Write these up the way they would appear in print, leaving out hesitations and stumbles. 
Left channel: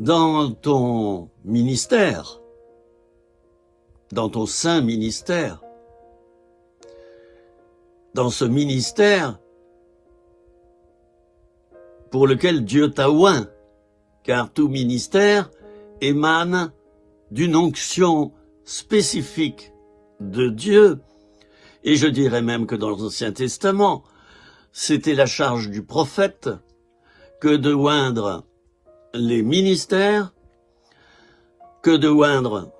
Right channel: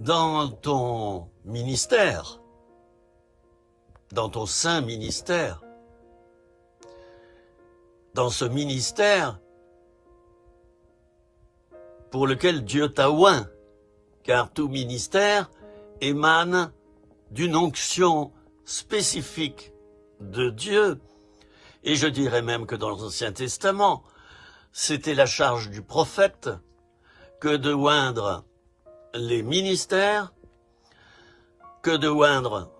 Dans ton ministère, dans ton saint ministère, dans ce ministère pour lequel Dieu t'a oint, car tout ministère émane d'une onction spécifique de Dieu. Et je dirais même que dans l'Ancien Testament, c'était la charge du prophète que de oindre les ministères, que de oindre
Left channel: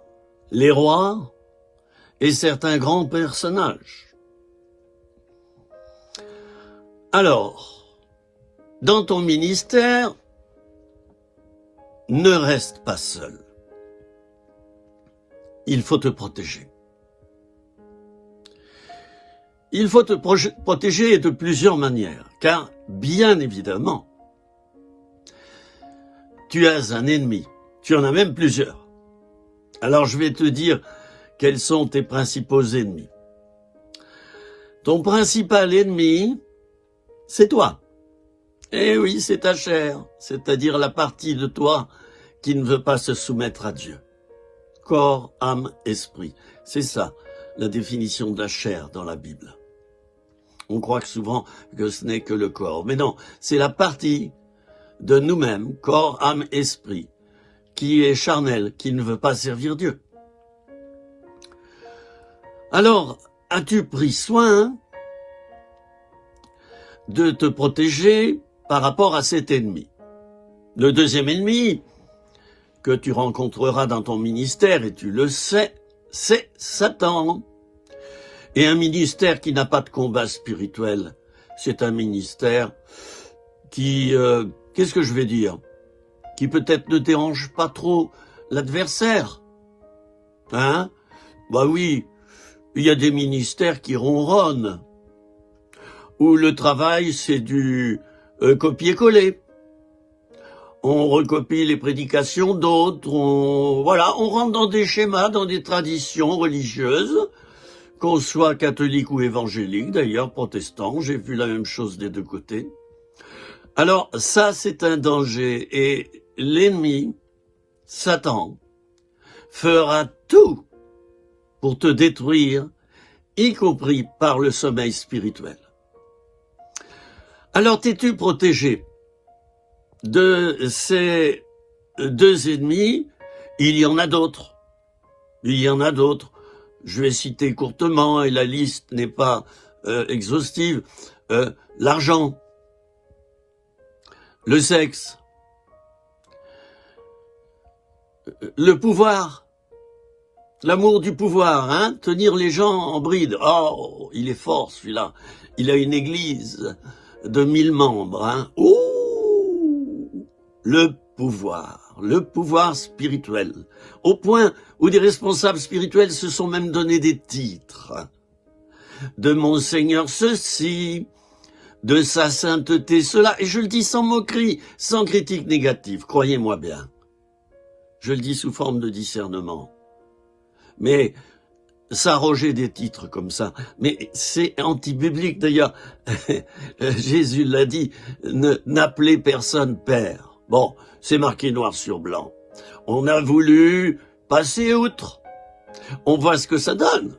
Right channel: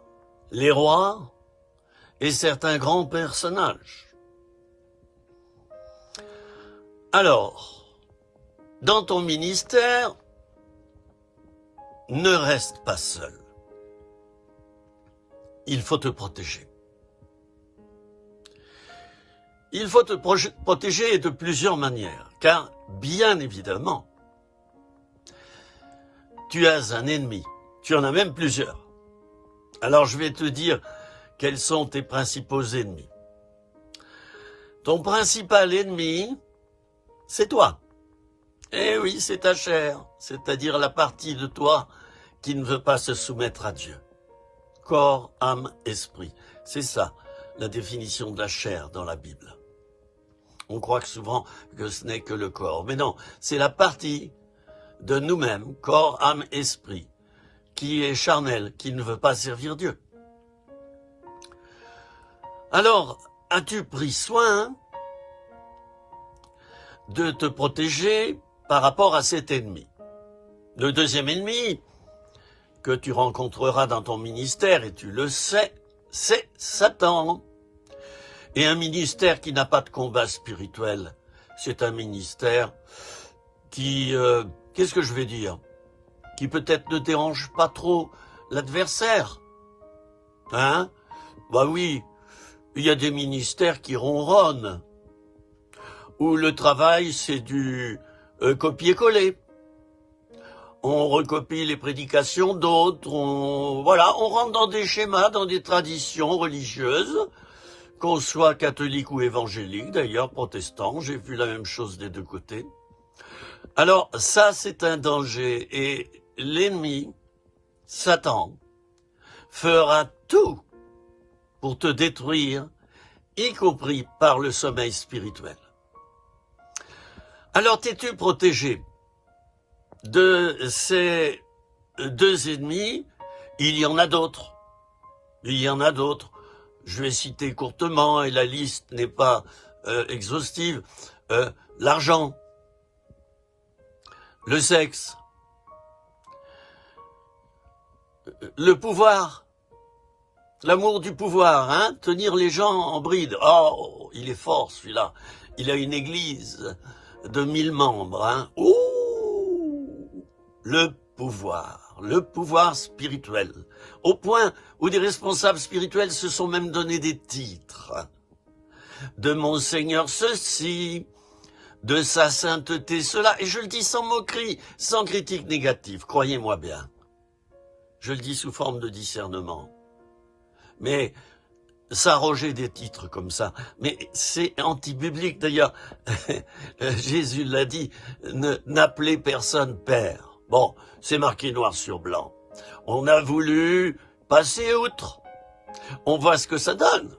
les rois et certains grands personnages. Alors, dans ton ministère, ne reste pas seul. Il faut te protéger. Il faut te protéger de plusieurs manières, car bien évidemment, tu as un ennemi, tu en as même plusieurs. Alors je vais te dire quels sont tes principaux ennemis. Ton principal ennemi, c'est toi. Eh oui, c'est ta chair, c'est-à-dire la partie de toi qui ne veut pas se soumettre à Dieu. Corps, âme, esprit. C'est ça, la définition de la chair dans la Bible. On croit que souvent que ce n'est que le corps. Mais non, c'est la partie de nous-mêmes, corps, âme, esprit, qui est charnelle, qui ne veut pas servir Dieu. Alors, as-tu pris soin de te protéger par rapport à cet ennemi? Le deuxième ennemi que tu rencontreras dans ton ministère, et tu le sais, c'est Satan. Et un ministère qui n'a pas de combat spirituel, c'est un ministère qui, qu'est-ce que je vais dire, qui peut-être ne dérange pas trop l'adversaire. Hein? Bah oui, il y a des ministères qui ronronnent, où le travail c'est du copier-coller. On recopie les prédications d'autres, on rentre dans des schémas, dans des traditions religieuses, qu'on soit catholique ou évangélique, d'ailleurs protestant, j'ai vu la même chose des deux côtés. Alors ça c'est un danger, et l'ennemi, Satan, fera tout pour te détruire, y compris par le sommeil spirituel. Alors t'es-tu protégé de ces deux ennemis? Il y en a d'autres. Il y en a d'autres. Je vais citer courtement, et la liste n'est pas exhaustive. L'argent, le sexe, le pouvoir, l'amour du pouvoir, hein, tenir les gens en bride. Oh, il est fort celui-là. Il a une église de 1000 membres. Hein. Ouh, le pouvoir spirituel. Au point où des responsables spirituels se sont même donné des titres. De Monseigneur ceci, de sa sainteté cela. Et je le dis sans moquerie, sans critique négative, croyez-moi bien. Je le dis sous forme de discernement. Mais s'arroger des titres comme ça, mais c'est anti-biblique d'ailleurs. Jésus l'a dit, n'appelez personne père. Bon, c'est marqué noir sur blanc. On a voulu passer outre. On voit ce que ça donne.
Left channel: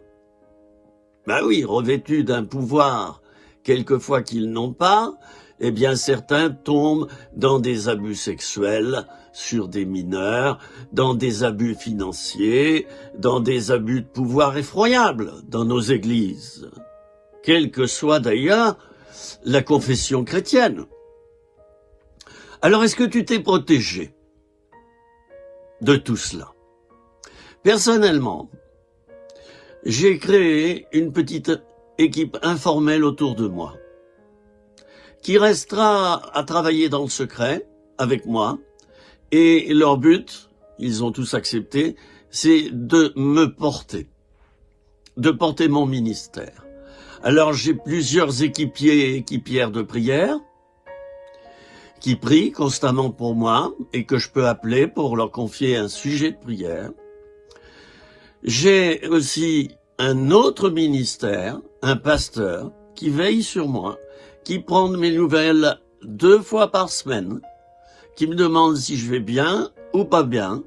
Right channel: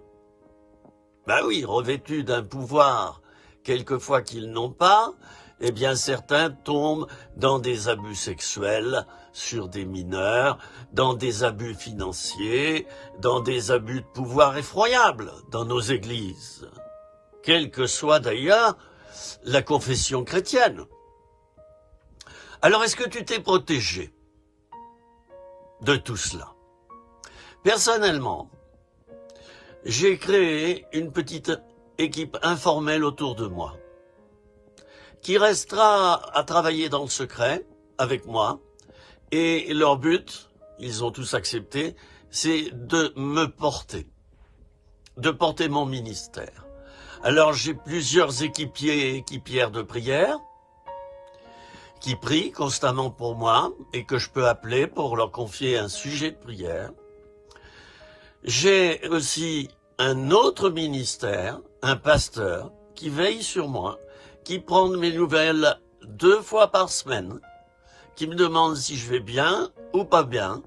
Ben oui, revêtus d'un pouvoir, quelquefois qu'ils n'ont pas, eh bien certains tombent dans des abus sexuels sur des mineurs, dans des abus financiers, dans des abus de pouvoir effroyables dans nos églises, quelle que soit d'ailleurs la confession chrétienne. Alors est-ce que tu t'es protégé de tout cela? Personnellement, j'ai créé une petite équipe informelle autour de moi qui restera à travailler dans le secret avec moi, et leur but, ils ont tous accepté, c'est de me porter, de porter mon ministère. Alors j'ai plusieurs équipiers et équipières de prière qui prient constamment pour moi et que je peux appeler pour leur confier un sujet de prière. J'ai aussi un autre ministère, un pasteur, qui veille sur moi, qui prend mes nouvelles 2 fois par semaine, qui me demande si je vais bien ou pas bien,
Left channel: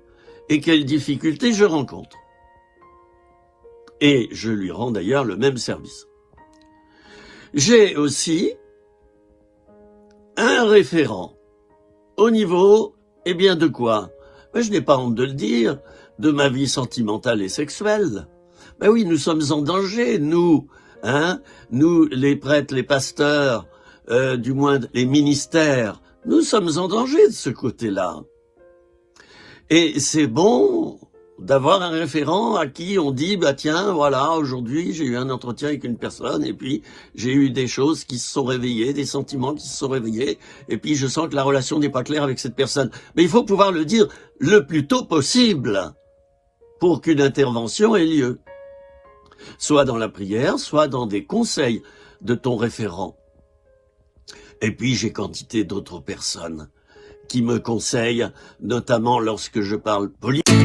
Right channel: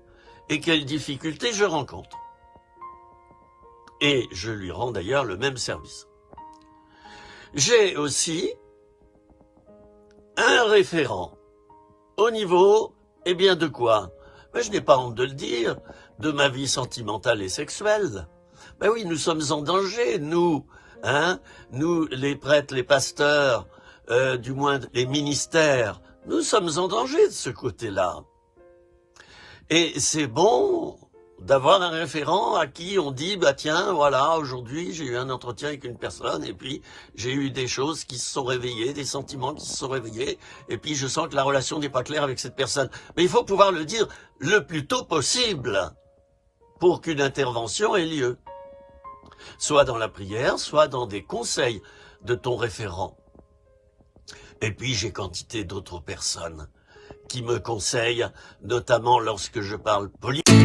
et quelles difficultés je rencontre. Et je lui rends d'ailleurs le même service. J'ai aussi un référent au niveau, eh bien de quoi? Ben, je n'ai pas honte de le dire, de ma vie sentimentale et sexuelle. Ben oui, nous sommes en danger, nous, nous les prêtres, les pasteurs, du moins les ministères, nous sommes en danger de ce côté-là. Et c'est bon d'avoir un référent à qui on dit, bah tiens, voilà, aujourd'hui j'ai eu un entretien avec une personne et puis j'ai eu des choses qui se sont réveillées, des sentiments qui se sont réveillés, et puis je sens que la relation n'est pas claire avec cette personne. Mais il faut pouvoir le dire le plus tôt possible pour qu'une intervention ait lieu. Soit dans la prière, soit dans des conseils de ton référent. Et puis j'ai quantité d'autres personnes qui me conseillent, notamment lorsque je parle politique.